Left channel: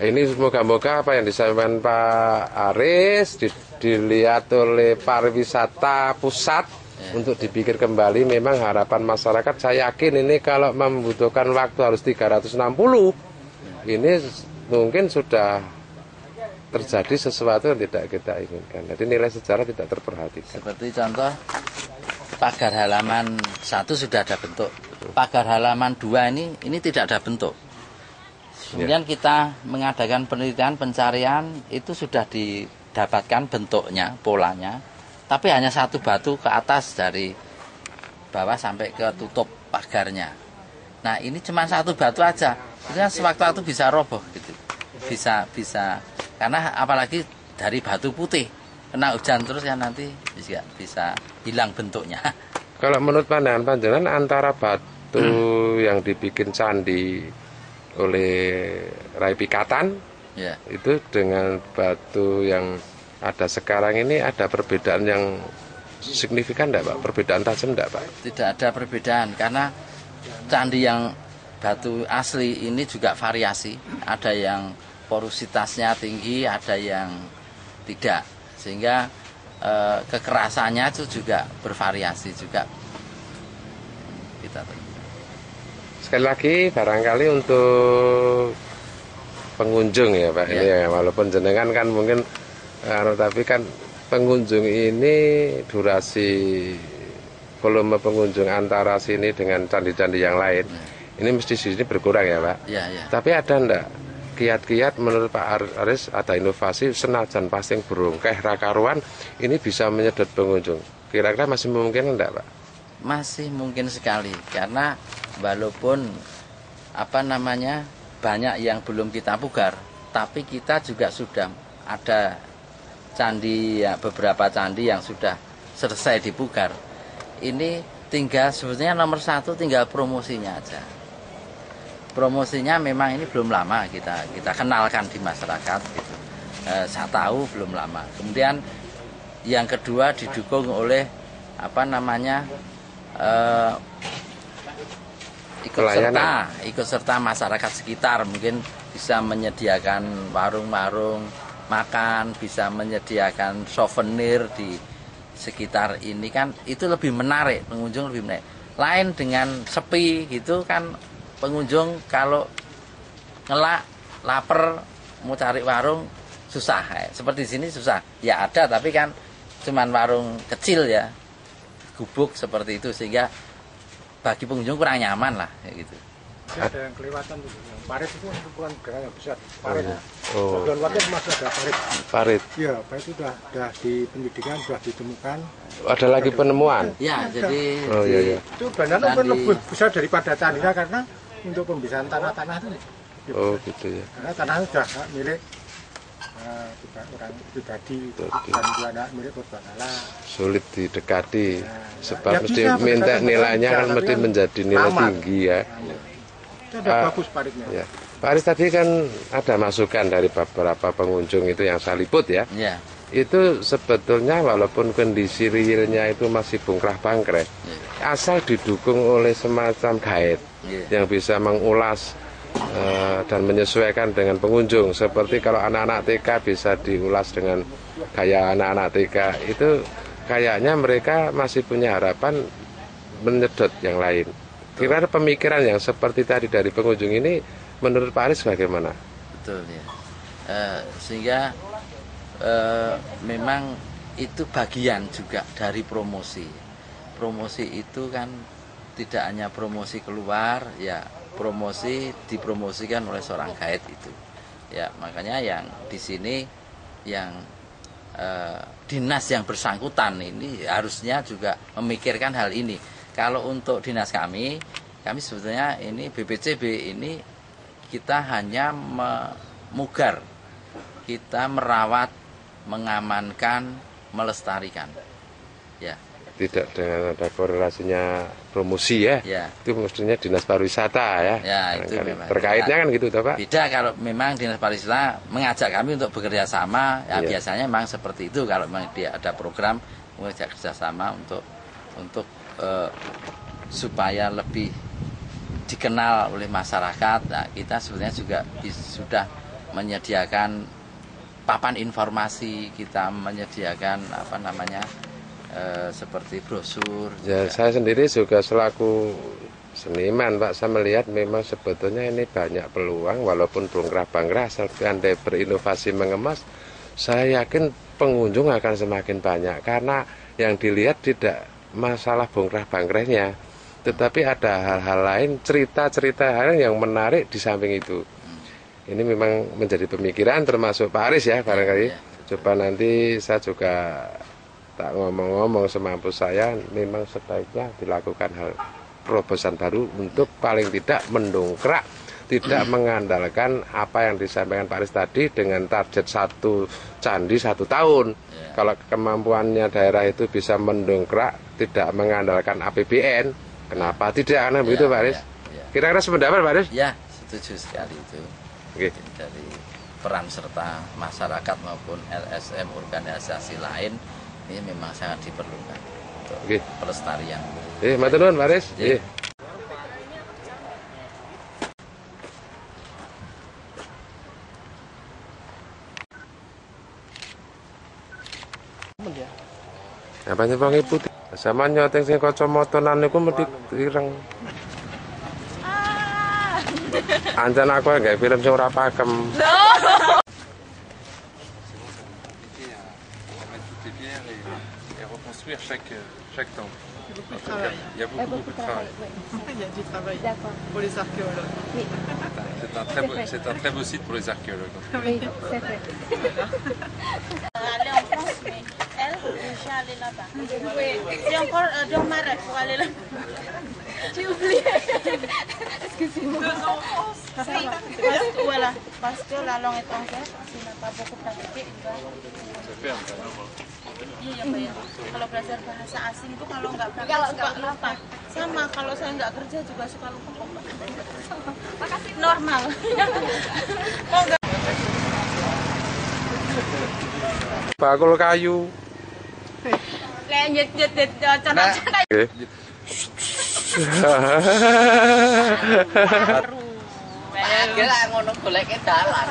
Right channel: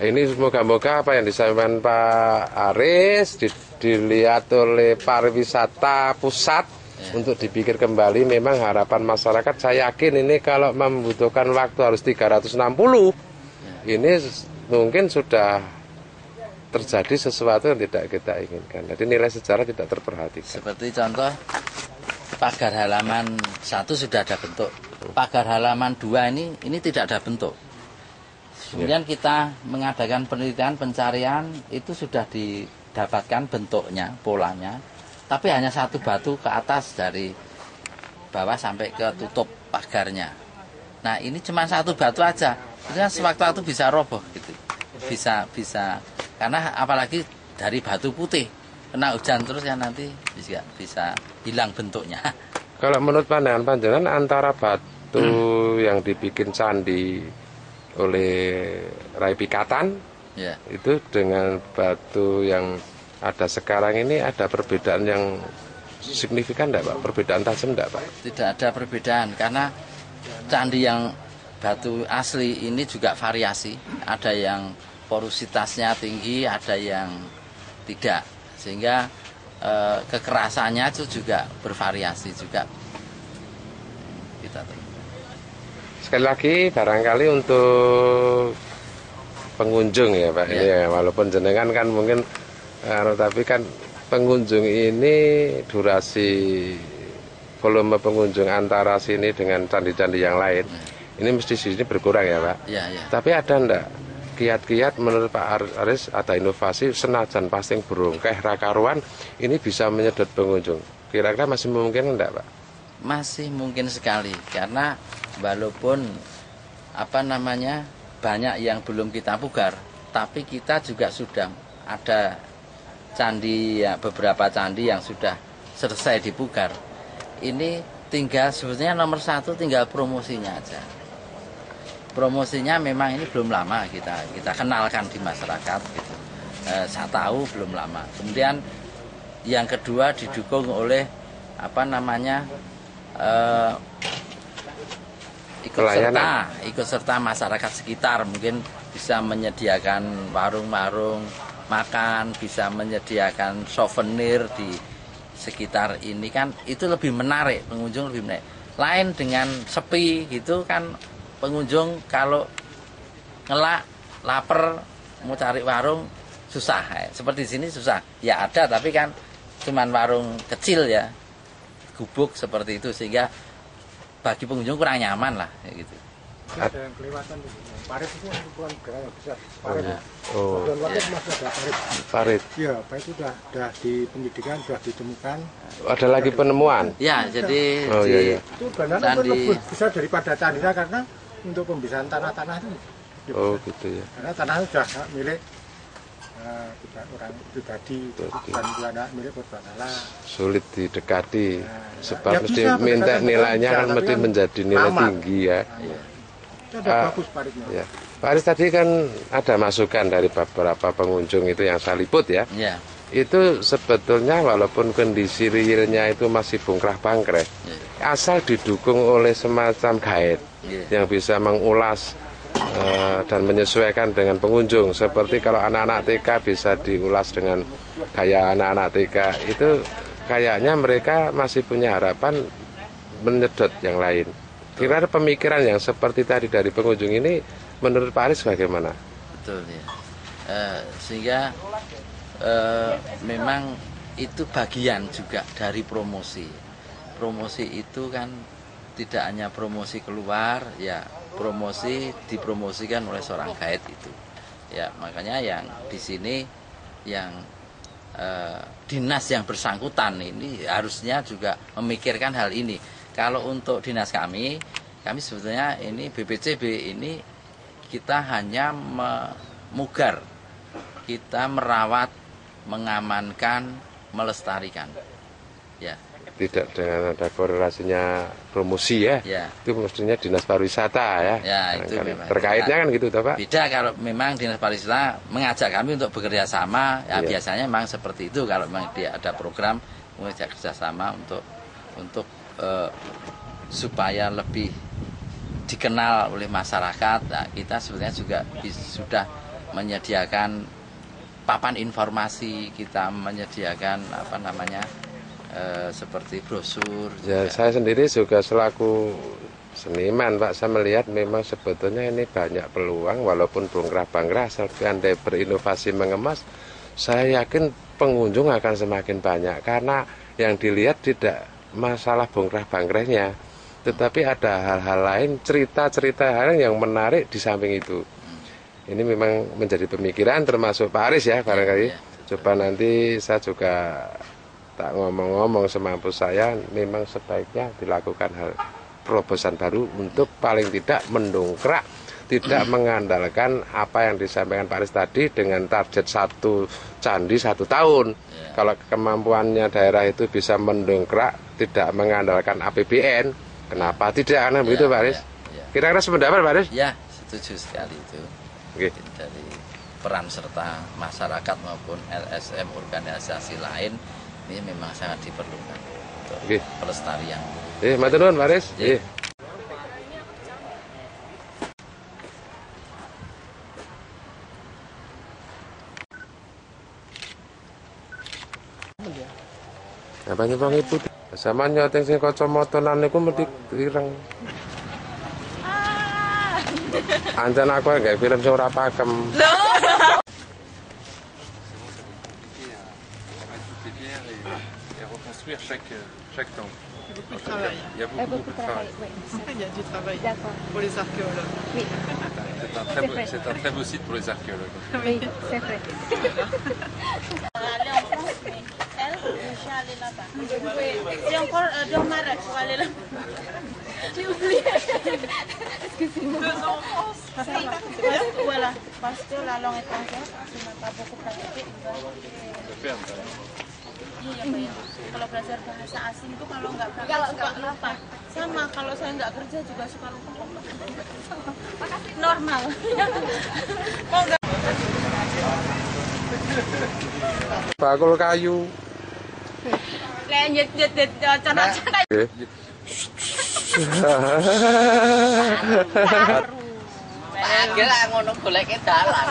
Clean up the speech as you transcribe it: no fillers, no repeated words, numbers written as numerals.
Ini semoga-moga apa yang disampaikan Pak Aris dilihat oleh pariwisata pusat untuk dipikir kembali. Memang harapan masyarakat, saya yakin ini kalau membutuhkan waktu harus 360, ini mungkin sudah terjadi sesuatu yang tidak kita inginkan. Jadi nilai sejarah tidak terperhatikan. Seperti contoh pagar halaman 1 sudah ada bentuk, pagar halaman 2 ini tidak ada bentuk. Kemudian kita mengadakan penelitian pencarian, itu sudah didapatkan bentuknya, polanya, tapi hanya satu batu ke atas dari bawah sampai ke tutup pagarnya. Nah ini cuma satu batu aja, itu kan sewaktu-waktu bisa roboh gitu, bisa karena apalagi dari batu putih, kena hujan terus kan nanti bisa hilang bentuknya. Kalau menurut pandangan panjenengan antara batu yang dibikin candi oleh Rai Pikatan itu dengan batu yang ada sekarang ini ada perbedaan yang signifikan enggak Pak? Perbedaan tajam enggak Pak? Tidak ada perbedaan karena candi yang batu asli ini juga variasi. Ada yang porositasnya tinggi, ada yang tidak. Sehingga kekerasannya itu juga bervariasi juga. Kita sekali lagi barangkali untuk pengunjung ya Pak, ini ya, walaupun jenengan kan mungkin tapi kan pengunjung ini durasi volume pengunjung antara sini dengan candi-candi yang lain ini mesti sini berkurang ya Pak. Tapi ada enggak kiat-kiat menurut Pak Aris ada inovasi senajan pasing burung kayak rakaruan ini bisa menyedot pengunjung, kira-kira masih mungkin enggak Pak? Masih mungkin sekali karena walaupun banyak yang belum kita pugar, tapi kita juga sudah ada candi ya, beberapa candi yang sudah selesai dipugar. Ini tinggal sebetulnya nomor 1 tinggal promosinya aja. Promosinya memang ini belum lama kita kenalkan di masyarakat gitu. Saya tahu belum lama. Kemudian yang kedua didukung oleh ikut serta masyarakat sekitar, mungkin bisa menyediakan warung-warung makan, bisa menyediakan souvenir di sekitar ini kan itu lebih menarik, pengunjung lebih menarik. Lain dengan sepi gitu kan, pengunjung kalau ngelak lapar mau cari warung susah. Seperti di sini susah. Ya ada tapi kan cuman warung kecil ya. Gubuk seperti itu sehingga bagi pengunjung kurang nyaman lah gitu. Ada yang kelewatan tuh, parit itu bukan gerai yang besar. Parit. Bagian luarnya masih ada parit. Parit. Iya, parit itu sudah di penyidikan sudah ditemukan. Ada lagi penemuan. Ya, jadi itu benar-benar lebih besar daripada tanahnya karena untuk pembisahan tanah-tanah itu. Gitu ya. Karena tanah itu sudah milik orang pribadi, bukan milik korban alam. Sulit didekati, sebab mesti minta nilainya kan mesti menjadi nilai tinggi ya. Itu ada bagus paritnya. Ya. Pak Aris tadi kan ada masukan dari beberapa pengunjung itu yang saya liput ya. Itu sebetulnya walaupun kondisi realnya itu masih bongkrah-bangkreh, asal didukung oleh semacam guide yang bisa mengulas dan menyesuaikan dengan pengunjung. Seperti kalau anak-anak TK bisa diulas dengan gaya anak-anak TK, itu kayaknya mereka masih punya harapan menyedot yang lain. Kira-kira pemikiran yang seperti tadi dari pengunjung ini menurut Pak Aris bagaimana? Betul ya. Sehingga memang itu bagian juga dari promosi. Promosi itu kan tidak hanya promosi keluar ya, promosi dipromosikan oleh seorang guide itu ya. Makanya yang di sini yang dinas yang bersangkutan ini harusnya juga memikirkan hal ini. Kalau untuk dinas kami sebetulnya ini BPCB ini kita hanya memugar, kita merawat, mengamankan, melestarikan ya. Tidak dengan ada korelasinya promosi ya. Itu mestinya dinas pariwisata ya. Itu memang terkaitnya kan gitu Pak. Beda kalau memang dinas pariwisata mengajak kami untuk bekerja sama ya, biasanya memang seperti itu. Kalau memang dia ada program mengajak kerjasama untuk supaya lebih dikenal oleh masyarakat. Nah, kita sebenarnya juga sudah menyediakan papan informasi, kita menyediakan seperti brosur. Ya, saya sendiri juga selaku seniman, Pak, saya melihat memang sebetulnya ini banyak peluang, walaupun bongkrah-bangkrah, andai berinovasi mengemas, saya yakin pengunjung akan semakin banyak, karena yang dilihat tidak masalah bongkrah-bangkrahnya, tetapi ada hal-hal lain, cerita-cerita lain yang menarik di samping itu. Ini memang menjadi pemikiran termasuk Pak Aris ya, barangkali. Coba nanti saya juga tak ngomong-ngomong semampu saya, memang sebaiknya dilakukan hal terobosan baru untuk paling tidak mendongkrak, tidak mengandalkan apa yang disampaikan Pak Aris tadi dengan target 1 candi 1 tahun. Kalau kemampuannya daerah itu bisa mendongkrak, tidak mengandalkan APBN, kenapa tidak? Karena begitu Pak Aris. Kira-kira sependapat Pak Aris? Ya, setuju sekali itu. Dari peran serta masyarakat maupun LSM organisasi lain ini memang sangat diperlukan untuk pelestarian. Matur nuwun Pak Aris. Apa nyepang ibu? Sama nyoteng sing kacamata niku mesti ireng. Anjan aku nggak film sing ora pakem. Reconstruire chaque temple. Il y a beaucoup de travail. Il y a beaucoup de travail. Il y a du travail pour les archéologues. Oui. C'est un très beau site pour les archéologues. Oui, c'est vrai. Aller en France, mais elle, déjà allée là-bas. C'est encore dans Maroc pour aller là-bas. J'ai oublié. Excusez-moi. 2 ans en France. Voilà, parce que la langue étrangère, si on n'a pas beaucoup pratiqué, il va... Iya Mbak ya, kalau belajar bahasa asing itu kalau nggak praktek suka lupa. Sama kalau saya nggak kerja juga suka lupa. Normal. Bakul kayu. Lanjut. Kira ngono goleke dalan.